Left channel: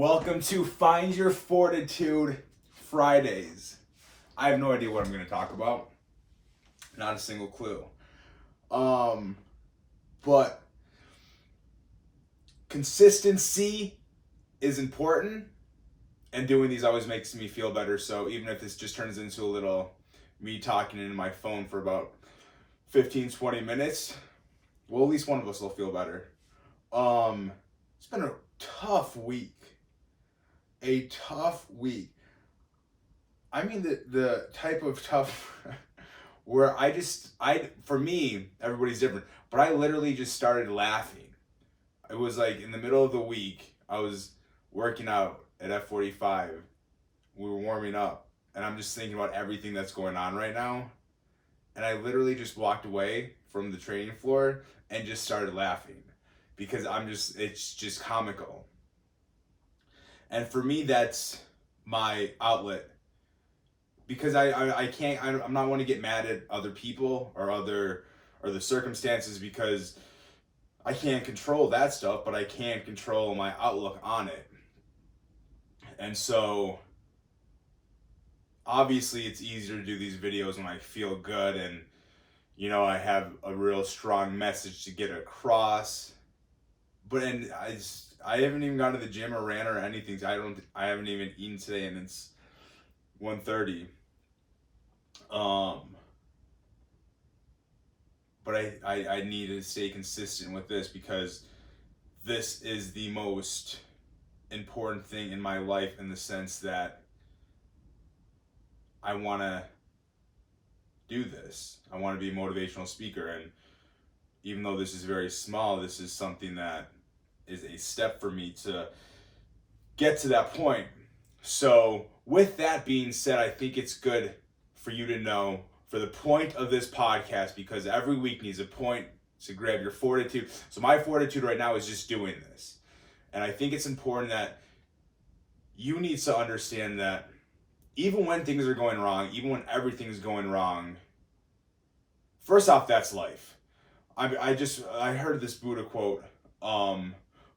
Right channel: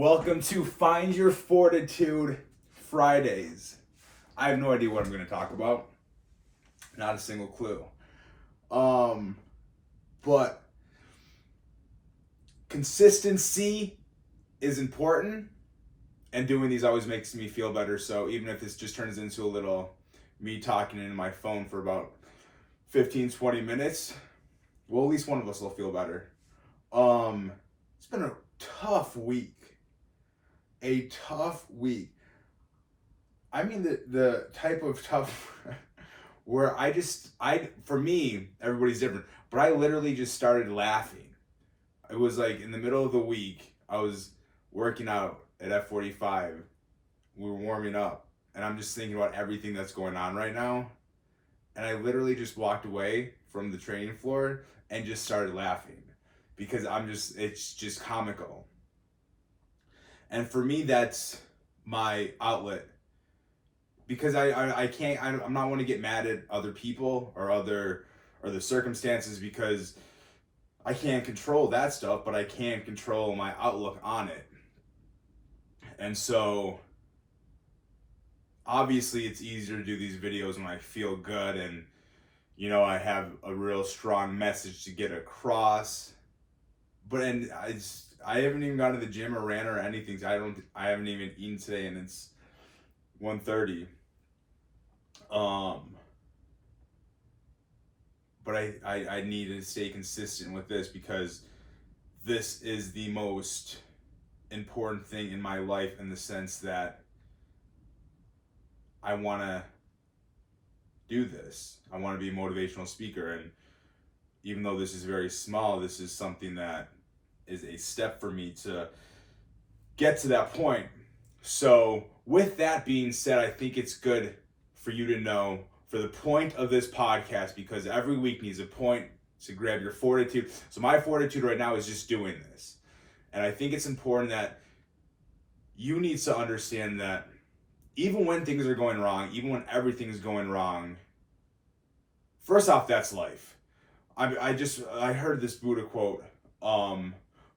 Welcome to Find Your Fortitude Fridays. I have no idea what I'm going to talk about. Not a single clue. But consistency is important, and doing these always makes me feel better. So even if this just turns into a little me talking into my phone for about 15-20 minutes, well, at least one of us will feel better. It's been a tough week. I mean the type of tough where for me, everybody's different, but I literally just started laughing. It was like in the middle of the week, I was working out at F45. We were warming up, and I'm just thinking about everything that's going on right now. And I literally just walked away from the training floor and just started laughing because it's just comical. And for me, that's my outlet, because I'm not want to get mad at other people or the circumstances, because I can't control that stuff, but I can control my outlook on it. And so obviously it's easier to do these videos when I feel good and I have a real strong message to get across. But I haven't even gone to the gym or ran or anything. I haven't even eaten today, and it's 1:30. But I need to stay consistent with this, because this is the most important thing in my life, in the sense that I want to do this. I want to be a motivational speaker, and even though this is very small, this is something that is a step for me to get to that point. So with that being said, I think it's good for you to know, for the point of this podcast, because every week needs a point to grab your fortitude. So my fortitude right now is just doing this. And I think it's important that you need to understand that even when things are going wrong, even when everything's going wrong, first off, that's life. I heard this Buddha quote.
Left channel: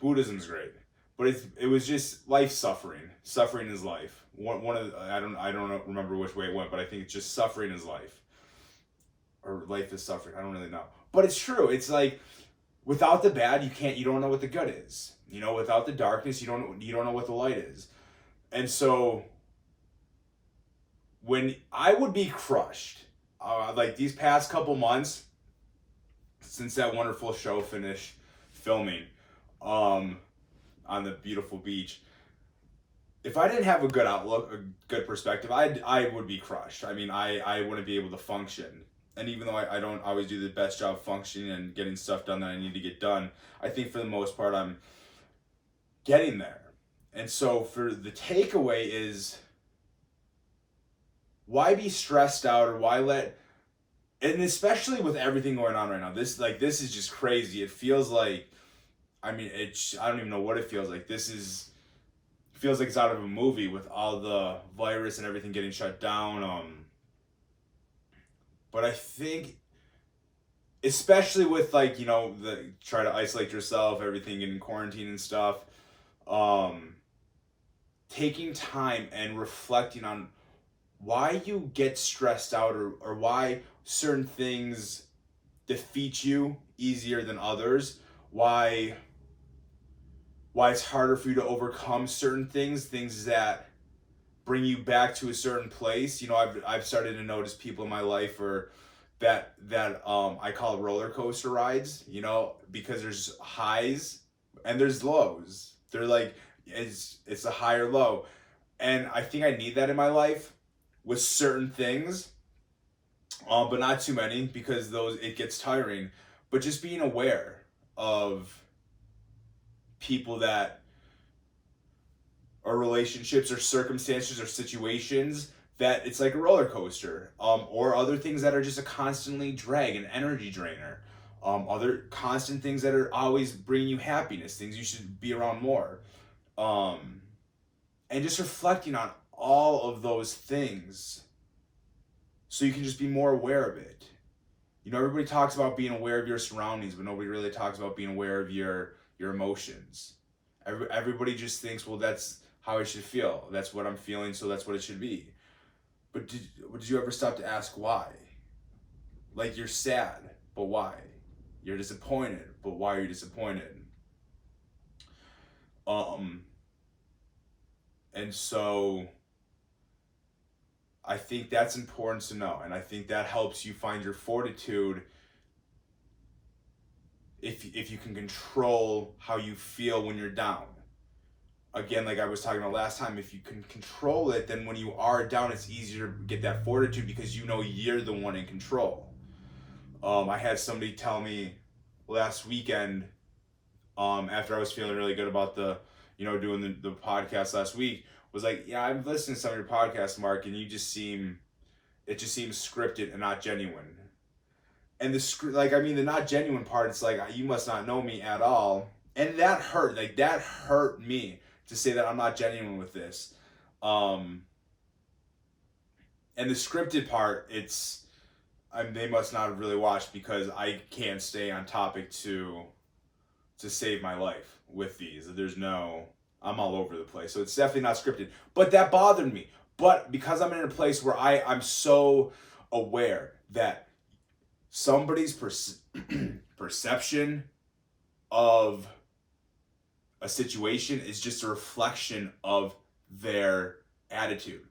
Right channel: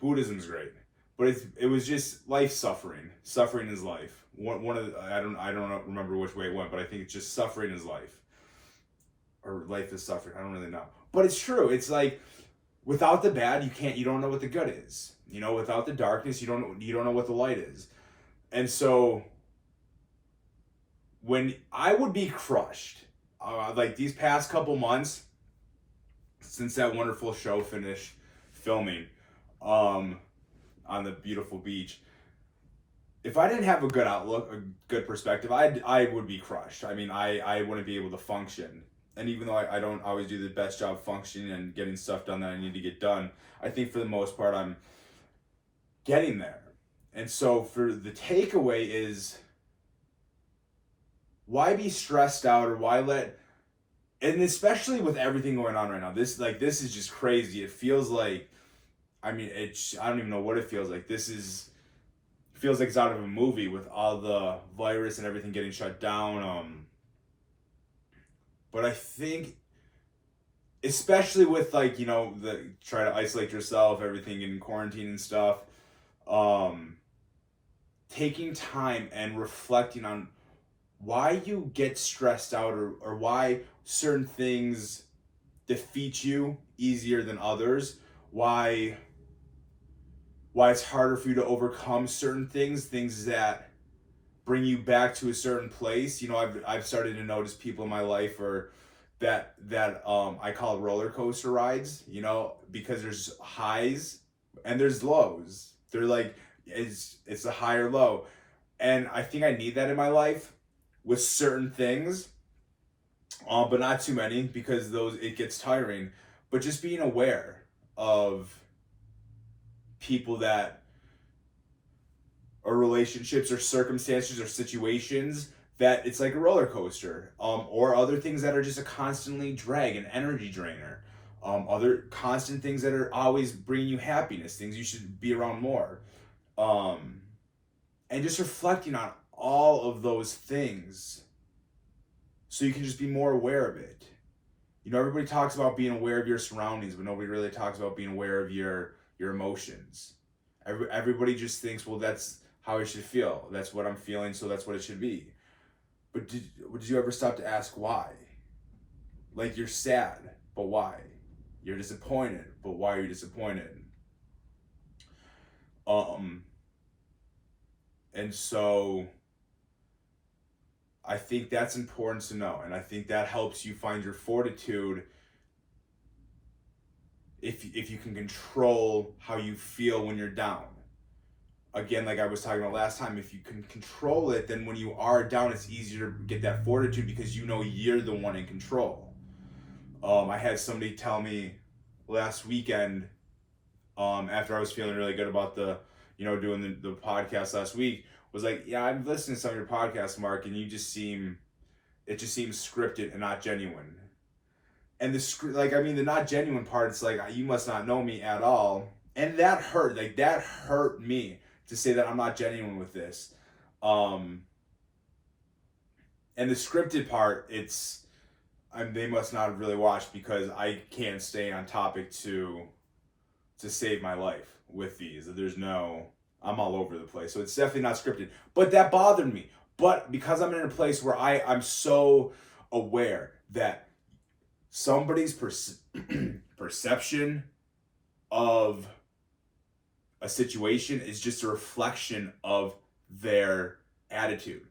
Buddhism's great, but it was just life suffering. Suffering is life. One of the, I don't remember which way it went, but I think it's just suffering is life, or life is suffering. I don't really know, but it's true. It's like, without the bad, you don't know what the good is. Without the darkness, you don't know what the light is. And so when I would be crushed, like these past couple months, since that wonderful show finished filming, on the beautiful beach, if I didn't have a good outlook, a good perspective, I would be crushed. I mean, I wouldn't be able to function. And even though I don't always do the best job functioning and getting stuff done that I need to get done, I think for the most part I'm getting there. And so for the takeaway is, why be stressed out, or why and especially with everything going on right now, this is just crazy. It feels like, I don't even know what it feels like. It feels like it's out of a movie, with all the virus and everything getting shut down. But I think, especially with the try to isolate yourself, everything in quarantine and stuff, taking time and reflecting on why you get stressed out, or why certain things defeat you easier than others, why it's harder for you to overcome certain things that bring you back to a certain place. I've started to notice people in my life that I call roller coaster rides, because there's highs and there's lows. They're like, it's a high or low. And I think I need that in my life with certain things, but not too many, because it gets tiring. But just being aware of people or relationships or circumstances or situations that it's like a roller coaster, or other things that are just a constantly drag, an energy drainer, other constant things that are always bringing you happiness, things you should be around more, and just reflecting on all of those things so you can just be more aware of it. Everybody talks about being aware of your surroundings, but nobody really talks about being aware of your emotions. Everybody just thinks, well, that's how I should feel. That's what I'm feeling, so that's what it should be. But did you ever stop to ask why? Like, you're sad, but why? You're disappointed, but why are you disappointed? And so I think that's important to know, and I think that helps you find your fortitude if you can control how you feel when you're down. Again, like I was talking about last time, if you can control it, then when you are down, it's easier to get that fortitude because you know you're the one in control. I had somebody tell me last weekend, after I was feeling really good about doing the podcast last week, was like, yeah, I'm listening to some of your podcasts, Mark, and it just seems scripted and not genuine. And the not genuine part, it's like, you must not know me at all. And that hurt. Like, that hurt me to say that I'm not genuine with this. And the scripted part, they must not have really watched because I can't stay on topic to save my life with these. I'm all over the place. So it's definitely not scripted. But that bothered me. But because I'm in a place where I'm so aware that somebody's perception of a situation is just a reflection of their attitude.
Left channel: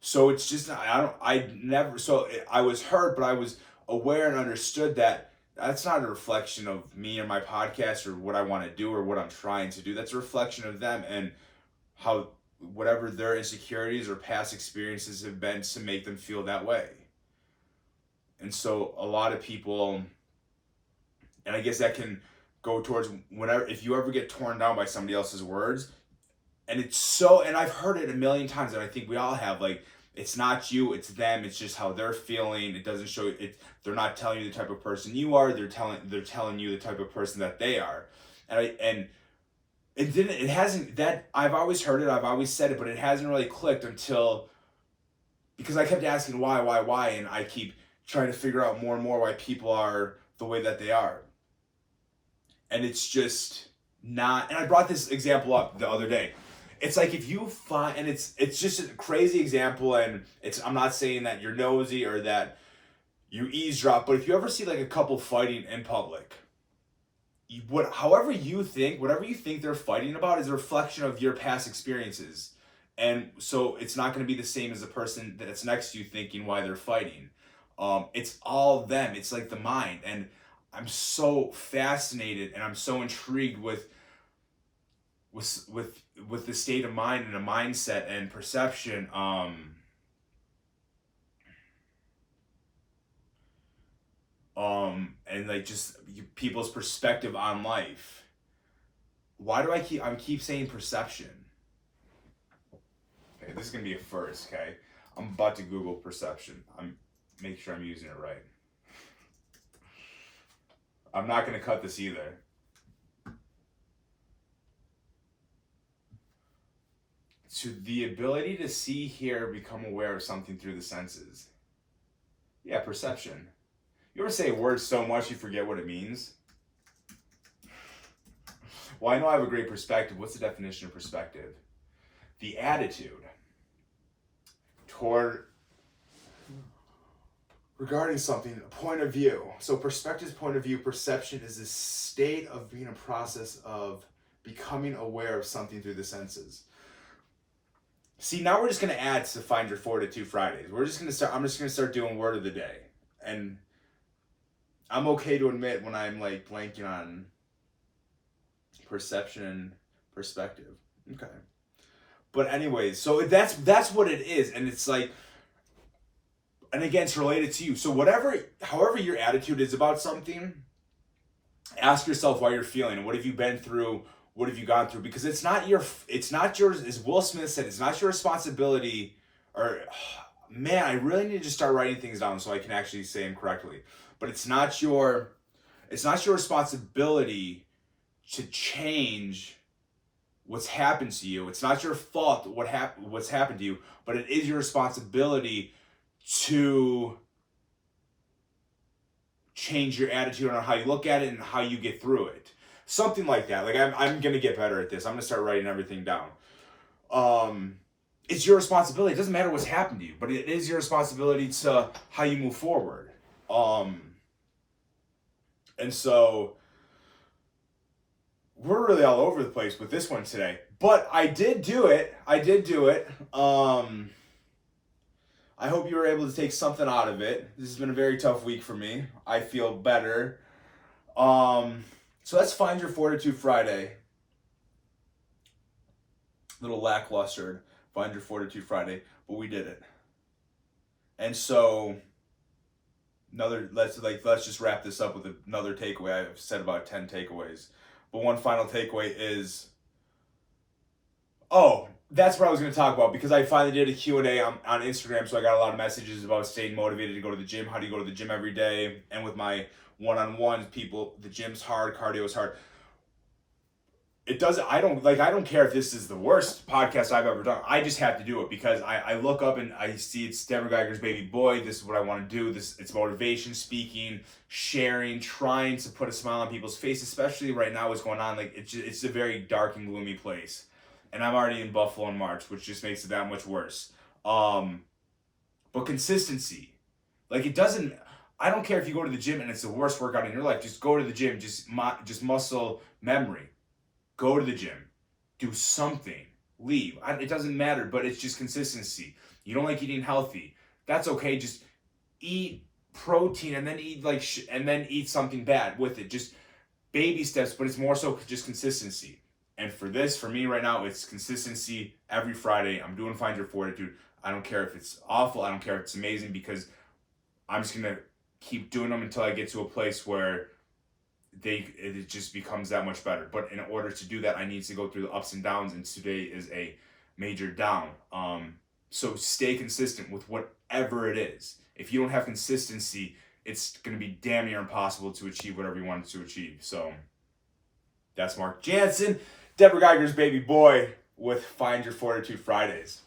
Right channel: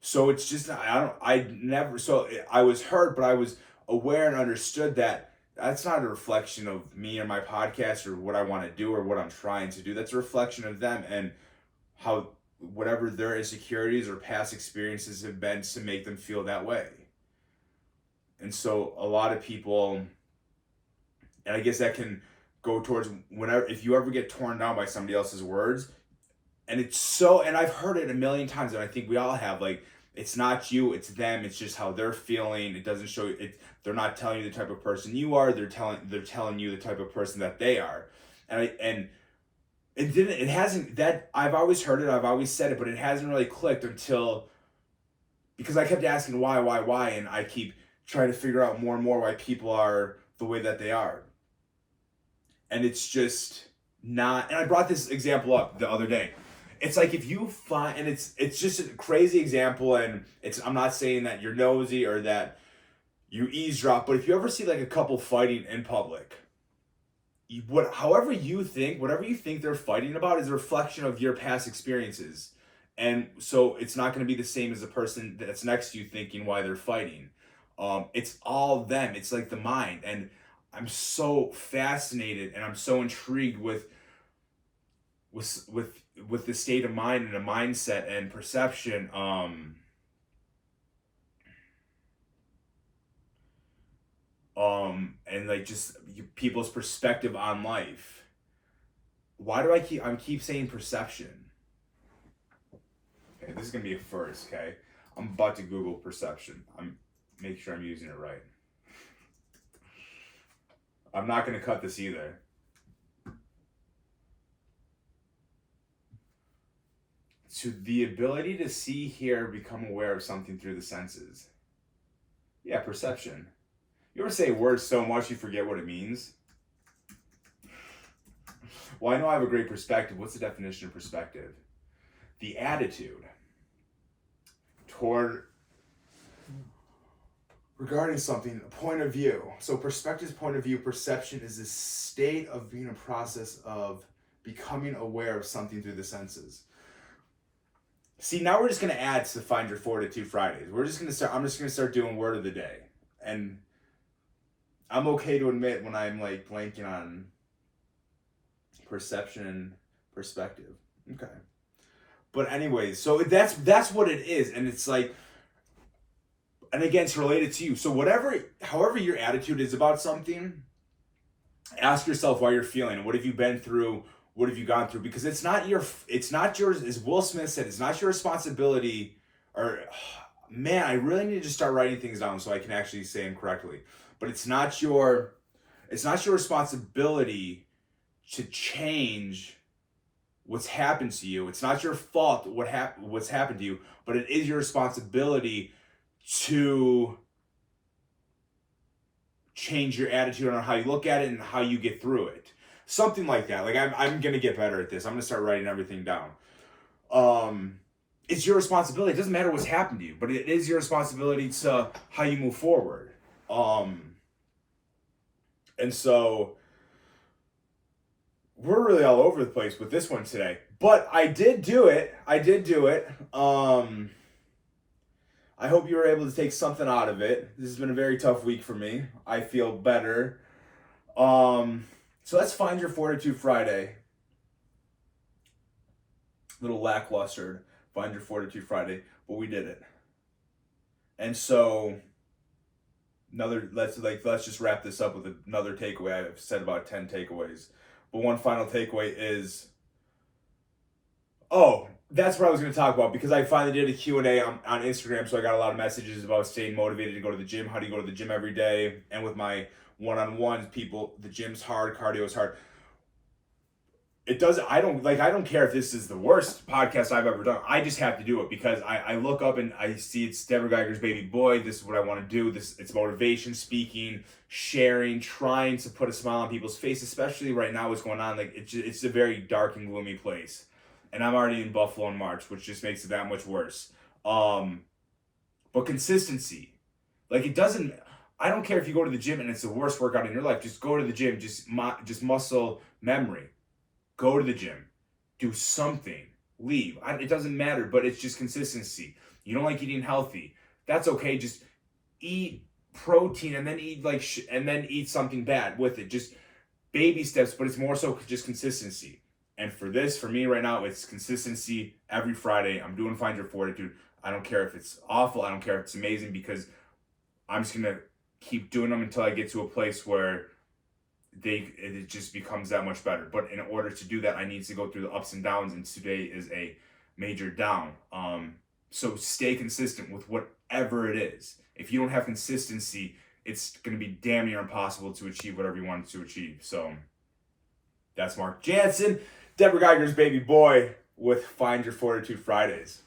So it's just, I was hurt, but I was aware and understood that that's not a reflection of me or my podcast or what I want to do or what I'm trying to do. That's a reflection of them and how whatever their insecurities or past experiences have been to make them feel that way. And so a lot of people, and I guess that can go towards if you ever get torn down by somebody else's words, and I've heard it a million times, and I think we all have, like, it's not you, it's them, it's just how they're feeling. It doesn't show it. They're not telling you the type of person you are. They're telling you the type of person that they are. And it hasn't, that I've always heard it, I've always said it, but it hasn't really clicked because I kept asking why, and I keep trying to figure out more and more why people are the way that they are. And it's just not, and I brought this example up the other day. It's like if you find, and it's just a crazy example, and I'm not saying that you're nosy or that you eavesdrop, but if you ever see like a couple fighting in public, whatever you think they're fighting about is a reflection of your past experiences. And so it's not going to be the same as the person that's next to you thinking why they're fighting. It's all them. It's like the mind. And I'm so fascinated and I'm so intrigued with the state of mind and a mindset and perception. And like just people's perspective on life. Why do I keep saying perception? Okay, this is gonna be a first, okay? I'm about to Google perception. Make sure I'm using it right. I'm not gonna cut this either. To the ability to see, hear, become aware of something through the senses. Yeah, perception. You ever say words so much you forget what it means? Well, I know I have a great perspective. What's the definition of perspective? The attitude regarding something, a point of view. So perspective is point of view. Perception is the state of being a process of becoming aware of something through the senses. See, now we're just going to add to Find Your Fortitude Fridays. I'm just going to start doing word of the day. And I'm okay to admit when I'm like blanking on perception and perspective. Okay. But anyways, so that's what it is. And it's like, and again, it's related to you. So however your attitude is about something, ask yourself why you're feeling. What have you been through? What have you gone through? Because it's not yours, as Will Smith said, it's not your responsibility, man, I really need to start writing things down so I can actually say them correctly. But it's not your responsibility to change what's happened to you. It's not your fault what's happened to you, but it is your responsibility to change your attitude on how you look at it and how you get through it. something like that. Like I'm gonna get better at this. I'm gonna start writing everything down. It's your responsibility. It doesn't matter what's happened to you, but it is your responsibility to how you move forward. And so we're really all over the place with this one today, but I did do it. I hope you were able to take something out of it. This has been a very tough week for me. I feel better. So let's find your Fortitude Friday. Little lackluster, find your Fortitude Friday, but we did it. And so let's just wrap this up with another takeaway. I've said about 10 takeaways, but one final takeaway is, that's what I was going to talk about, because I finally did a Q&A on Instagram, so I got a lot of messages about staying motivated to go to the gym. How do you go to the gym every day? And with my one-on-ones, people, the gym's hard, cardio is hard. I don't care if this is the worst podcast I've ever done. I just have to do it because I look up and I see it's Deborah Geiger's baby boy. This is what I want to do. It's motivation speaking, sharing, trying to put a smile on people's face, especially right now what's going on. Like it's a very dark and gloomy place. And I'm already in Buffalo in March, which just makes it that much worse. But consistency. Like I don't care if you go to the gym and it's the worst workout in your life. Just go to the gym. Just muscle memory. Go to the gym, do something, leave. It doesn't matter, but it's just consistency. You don't like eating healthy. That's okay. Just eat protein and then eat something bad with it. Just baby steps, but it's more so just consistency. And for me right now, it's consistency every Friday. I'm doing Find Your Fortitude. I don't care if it's awful. I don't care if it's amazing, because I'm just going to keep doing them until I get to a place where it just becomes that much better. But in order to do that, I need to go through the ups and downs, and today is a major down. So stay consistent with whatever it is. If you don't have consistency, it's going to be damn near impossible to achieve whatever you want to achieve. So that's Mark Jansen, Deborah Geiger's baby boy, with Find Your Fortitude Fridays.